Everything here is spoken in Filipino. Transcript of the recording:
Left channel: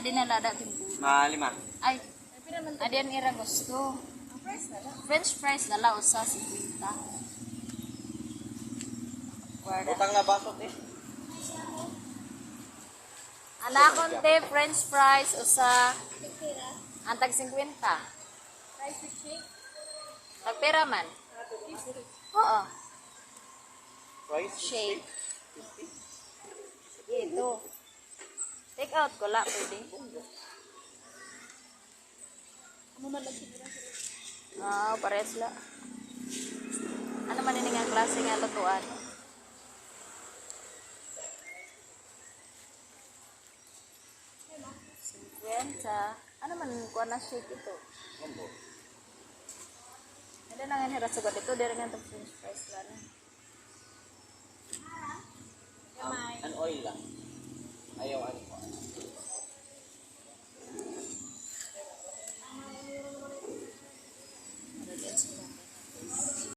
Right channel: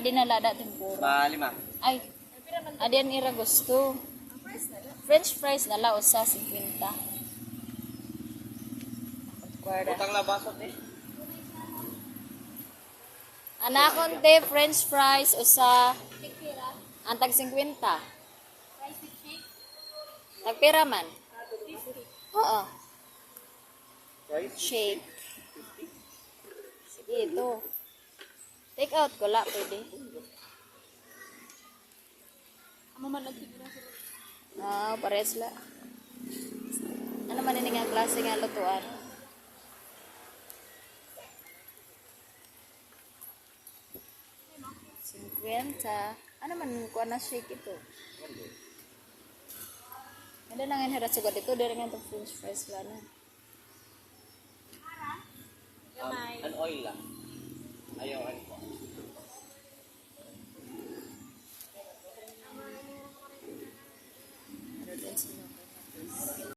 Adi na lada tempura. Ma lima. Ay, adi ang ira gusto. French fries na la usa 50. Guarda. Utang na basot eh. Anak konti french fries usa antag 50. Rice with shake. Tagpira man. Oo. Rice. Shake. Sige, ito. Take out ko la, pwede. Na. Ah, pares la. Ano man ini nga klase nga lutuan? Cinquenta. Ano man kuha na shake ito? Ada na nga hirat sugat ito, dari nga french fries lang. Gamay. An oil lang. Ayaw ano.